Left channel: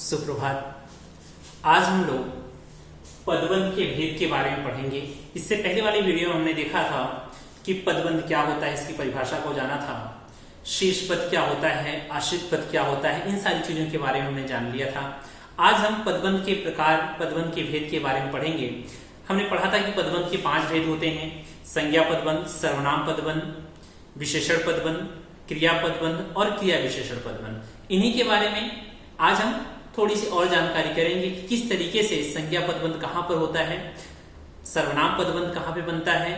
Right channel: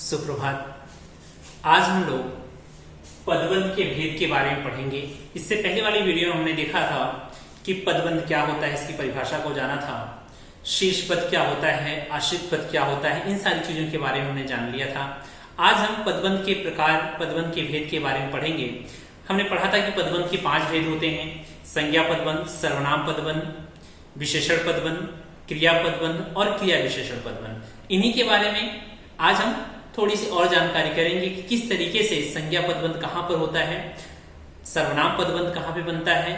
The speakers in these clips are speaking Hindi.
सुप्रभात। आज हम लोग पदबंध के भेद के बारे में पढ़ेंगे। इससे पहले वाली वीडियो में हमने देखा था कि पदबंध क्या होता है, इसकी परिभाषा को जाना था। शीर्ष पद क्या होता है, आश्रित पद क्या होता है, इन सारी चीजों के बारे में हमने जान लिया था। आज हम पदबंध के प्रकार, पदबंध के भेद के बारे में पढ़ेंगे। हमने पढ़ा था कि पदबंध के 5 भेद होते हैं: संज्ञा पदबंध, सर्वनाम पदबंध, विशेषण पदबंध, क्रिया पदबंध और क्रिया विशेषण पदबंध। इन्हीं के बारे में आज हम थोड़ी सी और जानकारी करेंगे कि किस तरीके से संज्ञा पदबंध कहां पर होता है, सर्वनाम पदबंध कहां पे बनता है।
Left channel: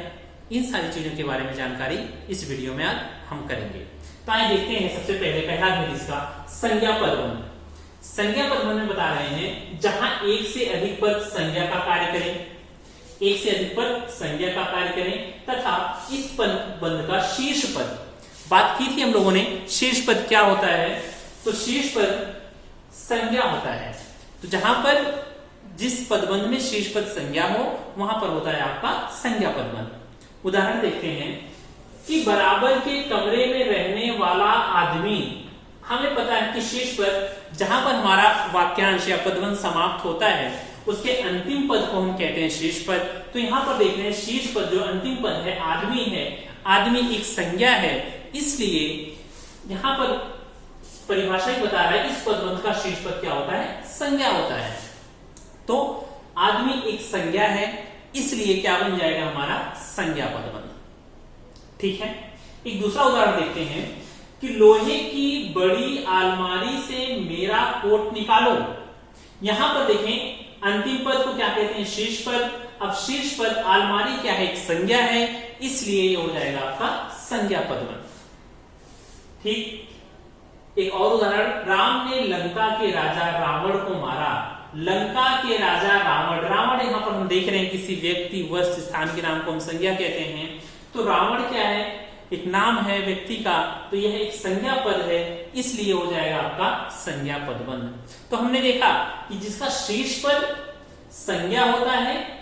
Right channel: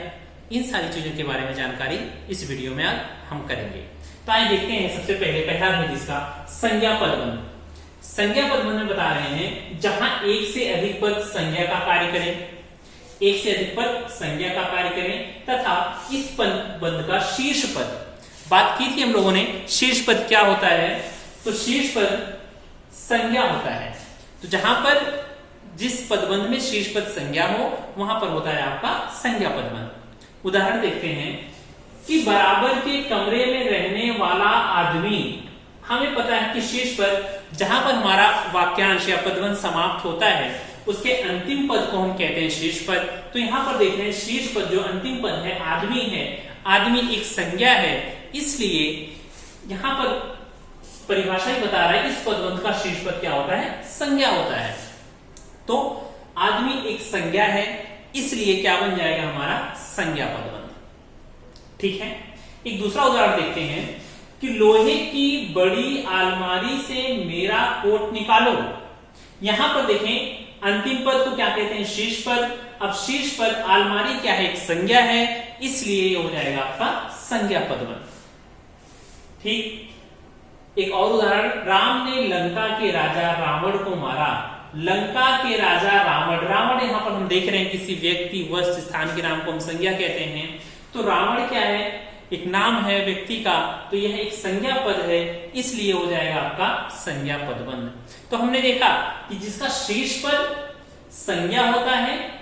इन सारी चीजों के बारे में जानकारी इस वीडियो में आज हम करेंगे। तो आइए देखते हैं। सबसे पहले पहला भेद इसका संज्ञा पदबंध। संज्ञा पदबंध में बता रहे हैं जहां एक से अधिक पद संज्ञा का कार्य करें, एक से अधिक पद संज्ञा का कार्य करें तथा इस पदबंध का शीर्ष पद, बात की थी हम लोगों ने शीर्ष पद क्या होता है, तो शीर्ष पद संज्ञा होता है। तो जहां पर जिस पदबंध में शीर्ष पद संज्ञा हो वहां पर होता है आपका संज्ञा पदबंध। उदाहरण देखते हैं कि बराबर के कमरे में रहने वाला आदमी, हमें पता है कि शीर्ष पद जहां पर हमारा वाक्यांश या पदबंध समाप्त होता है उसके अंतिम पद को हम कहते हैं शीर्ष पद। तो यहां पर देखते हैं शीर्ष पद जो अंतिम पद है आदमी है, आदमी एक संज्ञा है, इसलिए यहां पर परिभाषा ही बता रहा है इस पदबंध का शीर्ष पद क्या होता है, संज्ञा होता है। तो आदमी एक संज्ञा है, इसलिए क्या बन जाएगा हमारा संज्ञा पदबंध। ठीक है। एक दूसरा उदाहरण देखते हैं कि लोहे की बड़ी अलमारी से मेरा कोट निकालो। यहां पर देखें अंतिम पद को क्या कहते हैं, शीर्ष पद। अब शीर्ष पद अलमारी क्या है, एक संज्ञा है, इसलिए ये हो जाएगा आपका संज्ञा पदबंध। ठीक। एक और उदाहरण, राम ने लंका के राजा रावण को मारा। लंका के राजा रावण, रावण यहां पर हम देख रहे हैं किसी व्यक्ति, वस्तु, स्थान के नाम को हम संज्ञा कहते हैं। तो रावण क्या है, एक नाम है व्यक्ति का, तो यह एक संज्ञा पद है, इसलिए हो जाएगा आपका संज्ञा पदबंध। तो हमने देखा कि जिसका शीर्ष पद संज्ञा होता है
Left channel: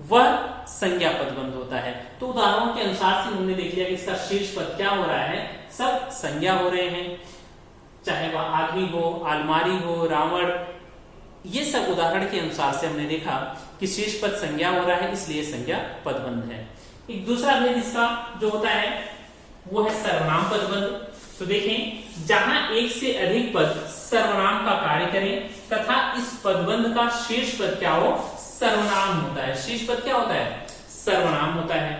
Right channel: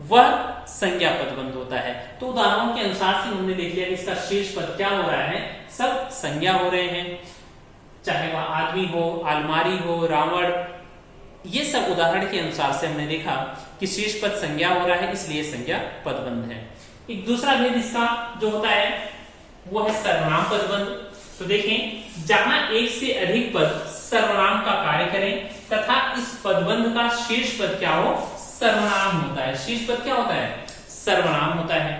वह संज्ञा पदबंध होता है। तो उदाहरणों के अनुसार से हमने देख लिया कि इसका शीर्ष पद क्या हो रहा है, सब संज्ञा हो रहे हैं, चाहे वह आदमी हो, अलमारी हो, रावण, ये सब उदाहरण के अनुसार से हमने देखा कि शीर्ष पद संज्ञा हो रहा है, इसलिए संज्ञा पदबंध है। एक दूसरा भेद इसका जो होता है वो है सर्वनाम पदबंध। तो देखें जहां एक से अधिक पद सर्वनाम का कार्य करें तथा इस पदबंध का शीर्ष पद क्या हो, सर्वनाम होता है। शीर्ष पद क्या होता है, सर्वनाम होता है।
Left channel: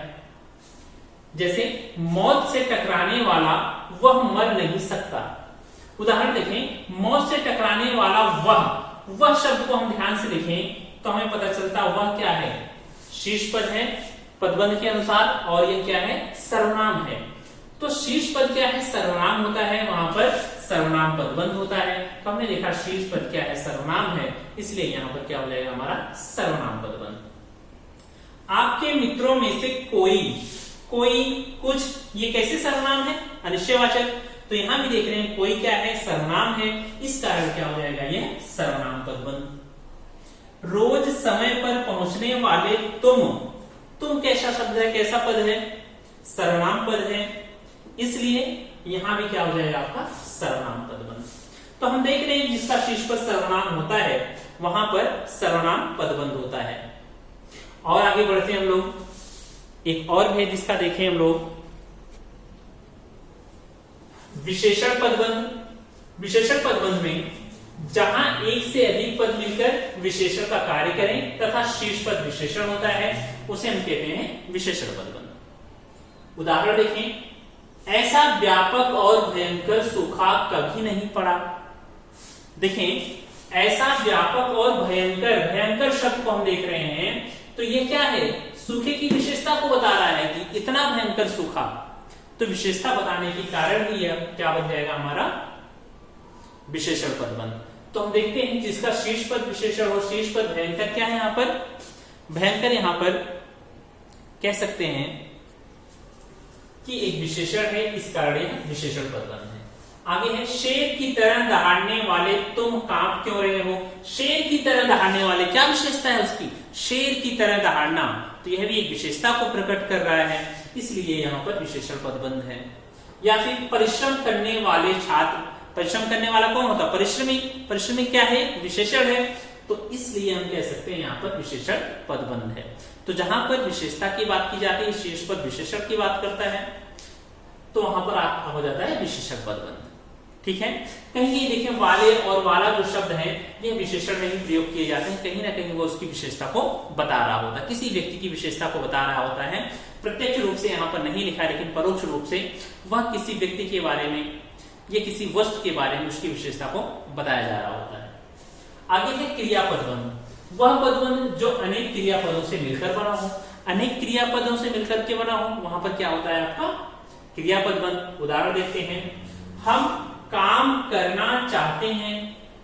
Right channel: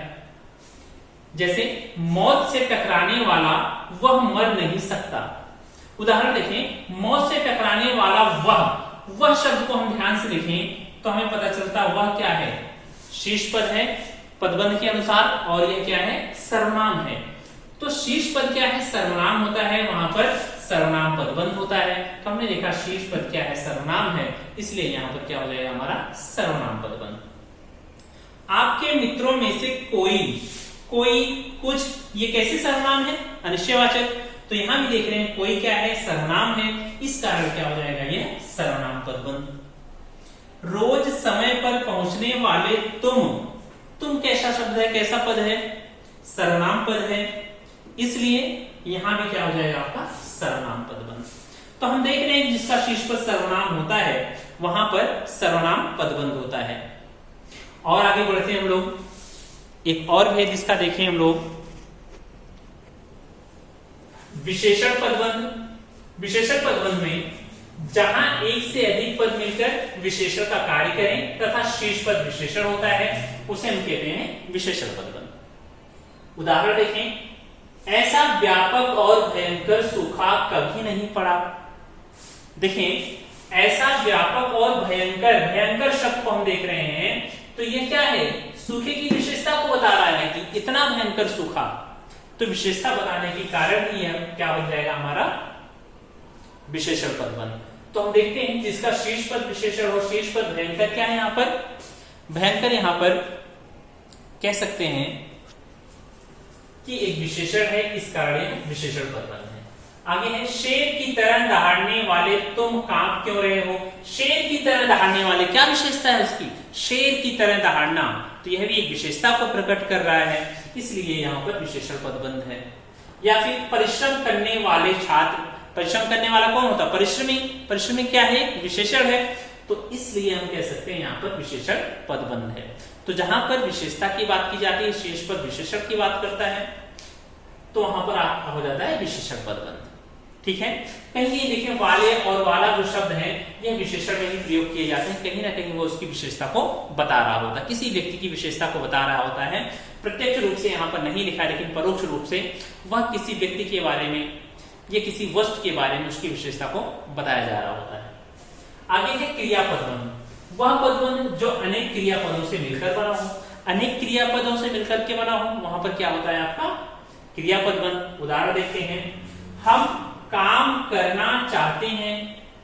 जैसे मौत से टकराने वाला वह मर नहीं सकता। उदाहरण देखें, मौत से टकराने वाला वह शब्द को हम ध्यान से देखें तो हमें पता चलता वह क्या है, शीर्ष पद है पदबंध के अनुसार, और यह क्या है, सर्वनाम है। तो शीर्ष पद क्या है, सर्वनाम होता है, वहां पर सर्वनाम पदबंध होता है। तो हमने देखा शीर्ष पद क्या है, सर्वनाम है, इसलिए यहां पर क्या हो जाएगा हमारा सर्वनाम पदबंध। आपके मित्रों में से कोई, कुछ, ये कैसे सर्वनाम है, अनिश्चयवाचक। तो यहां भी देख रहे हैं कोई क्या है, सर्वनाम है, इस कारण क्या हो जाएगा ये सर्वनाम पदबंध। रोज समय पर पहुंचने वाले तुम कैसा शब्द है, कैसा पद है, सर्वनाम पद है, इसलिए यहां भी क्या हो जाएगा आपका सर्वनाम पदबंध। तो हम देख रहे हैं जिसका शीर्ष पद सर्वनाम होता है वहां पर सर्वनाम पदबंध होता है। और आगे बढ़ते हैं हम लोग। एक और भेद इसका देखें हम लोग, विशेषण पदबंध। विशेषण पदबंध में जहां एक से अधिक पद मिलकर विशेषण का कार्य करें तथा शीर्ष पद विशेषण होता है उसे हम कहते हैं विशेषण पदबंध। उदाहरण देखें, ऐसा व्यापक और भयंकर सूखा कभी नहीं पड़ा। देखें ऐसा व्यापक और भयंकर, भयंकर शब्द को हम देख रहे हैं, तो ये क्या है, सूखे की विशेषता को बता रहा है कि इतना भयंकर सूखा। तो विशेषता बताने के कारण ही यह क्या बन जाएगा हमारा विशेषण पदबंध। तो हम देखते हैं जिसका शीर्ष पद विशेषण और शीर्ष पद भयंकर, क्या है यहां पर, भयंकर यहां पर कह सकते हैं कि एक विशेषण है, इस कारण विशेषण पदबंध है। आगे है, शेर की तरह दहाड़ने वाले तुम कांप क्यों रहे हो। शेर की तरह दहाड़ने वाले, क्या विशेषता है उसकी, शेर की तरह दहाड़ना, तो यह भी एक विशेषता को प्रकट कर रहा है, इसलिए यहां पर विशेषण पदबंध है। या फिर परिश्रम करने वाले छात्र, परिश्रम करने वाला कौन होता है? परिश्रमी। परिश्रमी क्या है? विशेषण है। तो इसलिए हम कह सकते हैं यहाँ पर विशेषण पदबंध है। तो जहां पर विशेषता की बात की जाती है, शीर्ष पद विशेषण की बात करता है, तो वहां पर आपका हो जाता है विशेषण पदबंध। ठीक है। कहीं देखिए वाले और वाला जो शब्द हैं ये विशेषण में ही प्रयोग किए जाते हैं, कहीं ना कहीं वो उसकी विशेषता को बता रहा होता है, किसी व्यक्ति की विशेषता को बता रहा होता है। प्रत्यक्ष रूप से यहाँ पर नहीं लिखा, लेकिन परोक्ष रूप से वह किसी व्यक्ति के बारे में या किसी वस्तु के बारे में उसकी विशेषता को बताया जा रहा होता है। आगे है क्रियापदबंध। वह पदबंध जो अनेक क्रियापदों से मिलकर बना हो। अनेक क्रियापदों से मिलकर के बना हो, वहां पर क्या होता है आपका? क्रियापदबंध। उदाहरण देखते हैं, हम काम करना चाहते हैं,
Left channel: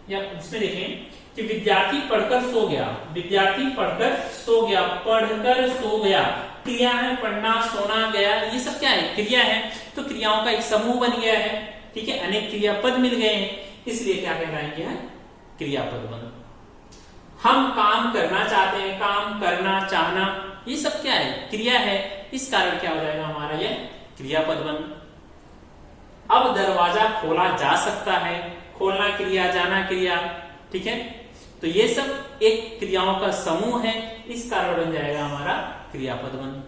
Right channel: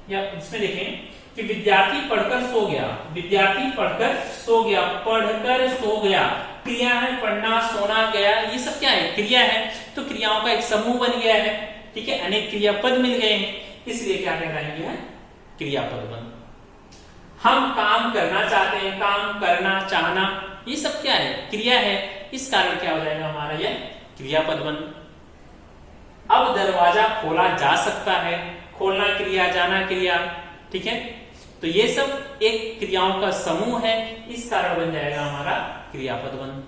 या इसमें देखें कि विद्यार्थी पढ़कर सो गया। विद्यार्थी पढ़कर सो गया, पढ़कर सो गया। क्रिया है, पढ़ना, सोना, गया, ये सब क्या है? क्रिया है। तो क्रियाओं का एक समूह बन गया है। ठीक है, अनेक क्रियापद मिल गए हैं, इसलिए क्या कहलाएंगे? है क्रियापदबंध। हम काम करना चाहते हैं, काम करना, चाहना, ये सब क्या है? क्रिया है। इस कारण क्या हो जाएगा हमारा यह क्रियापदबंध। अब दरवाजा खोला जा सकता है। खोलना क्रिया, जाना क्रिया। ठीक है, तो ये सब एक क्रियाओं का समूह है, इस कारण बन जाएगा हमारा क्रियापदबंध।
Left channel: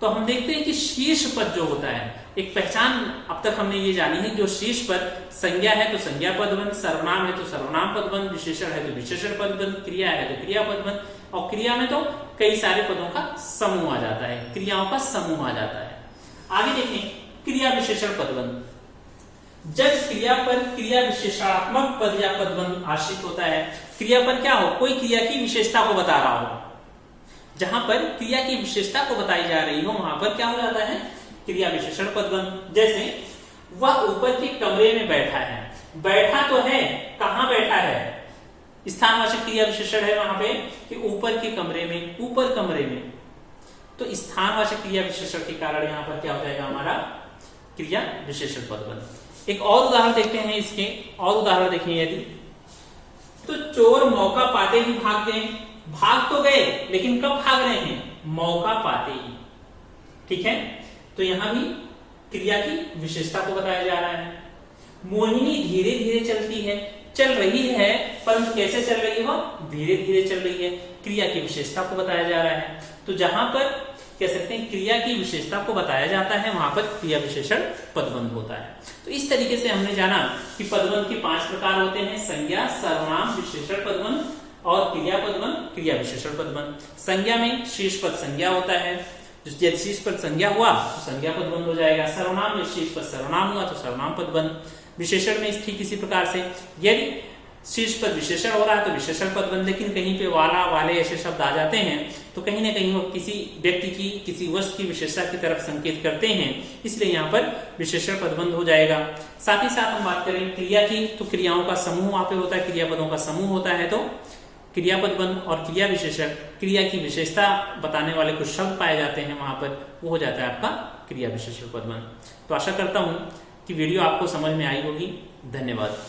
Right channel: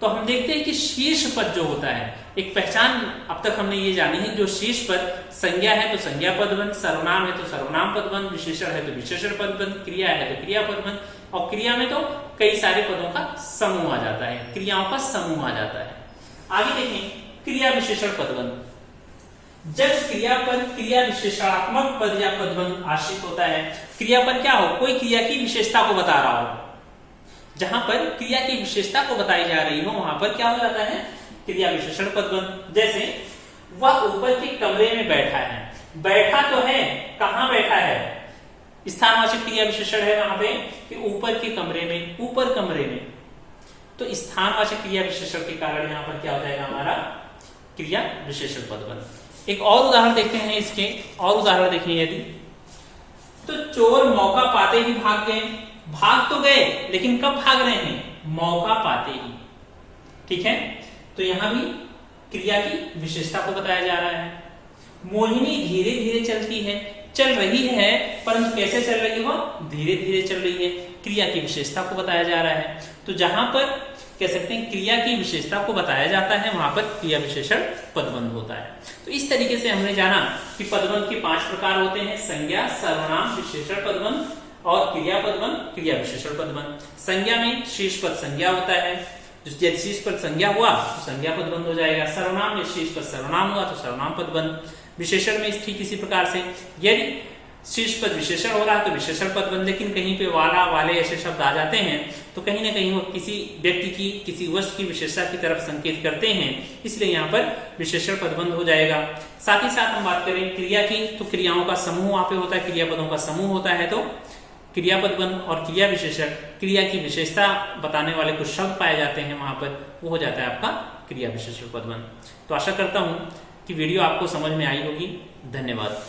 तो हम देखते हैं कि शीर्ष पद जो होता है, एक पहचान अब तक हमने ये जानी है, जो शीर्ष पद संज्ञा है तो संज्ञा पदबंध, सर्वनाम है तो सर्वनाम पदबंध, विशेषण है तो विशेषण पदबंध, क्रिया है तो क्रिया पदबंध, और क्रिया में तो कई सारे पदों का समूह आ जाता है, क्रियाओं का समूह आ जाता है। आगे देखें क्रिया विशेषण पदबंध। जब क्रिया पर क्रिया विशेषणात्मक पद या पदबंध आश्रित होता है, क्रिया पर क्या हो? कोई क्रिया की विशेषता को बता रहा हो। जहां पर क्रिया की विशेषता को बताई जा रही हो, वहां पर क्या हो जाता है? क्रिया विशेषण पदबंध। जैसे वह ऊपर के कमरे में बैठा है। बैठा तो है, कहां बैठा है? स्थानवाचक क्रिया विशेषण है वहां पे कि ऊपर के कमरे में, ऊपर कमरे में। तो स्थानवाचक क्रिया विशेषण के कारण यहां पर क्या हो जाएगा हमारा? क्रिया विशेषण पदबंध। एक और उदाहरण देखते हैं इसके, और उदाहरण देखें यदि, तो चोर मौका पाते ही भाग गए। भाग तो गए, लेकिन कब भाग रहे हैं? मौका पाते ही। ठीक है, तो यहां भी क्रिया की विशेषता को बताया जा रहा है। मोहिनी धीरे धीरे चलती है। चल रही है, परंतु कैसे चल रही हो? धीरे धीरे चल रही है। क्रिया की विशेषता को बताया जा रहा है। तो जहां पर कह सकते हैं क्रिया की विशेषता को बताया जाता है, वहां पर क्रिया विशेषण पदबंध होता है। तो इस तरीके से हमने जाना कि पदबंध के 5 प्रकार होते हैं: संज्ञा, सर्वनाम, विशेषण पदबंध और क्रिया पदबंध, क्रिया विशेषण पदबंध। संज्ञा में शीर्ष पद संज्ञा होता है, यदि शीर्ष पद संज्ञा हुआ तो संज्ञा पदबंध हो जाएगा। सर्वनाम में शीर्ष पद सर्वनाम हुआ तो सर्वनाम पदबंध। विशेषण में ठीक इसी प्रकार से, यदि शीर्ष पद विशेषण हो रहा है तो विशेषण पदबंध, लेकिन कहीं पे वाला, वाले ऐसे शब्द आ जाते हैं तो कहीं ना कहीं वो किसी व्यक्ति की, किसी वस्तु की विशेषता की तरफ संकेत करते हैं, इसलिए यहाँ पर विशेषण पदबंध हो जाएगा। साथ ही साथ हम बात करें क्रिया की, तो क्रियाओं का समूह वहां पे होता है, क्रियापदों का समूह होता है, तो क्रिया पदबंध और क्रिया विशेषण, क्रिया की विशेषता बताने वाले कुछ शब्द पाए जाते हैं वहां पर, वो हो जाता है आपका क्रिया विशेषण पदबंध। तो आशा करता हूं कि वीडियो आपको समझ में आई होगी। धन्यवाद।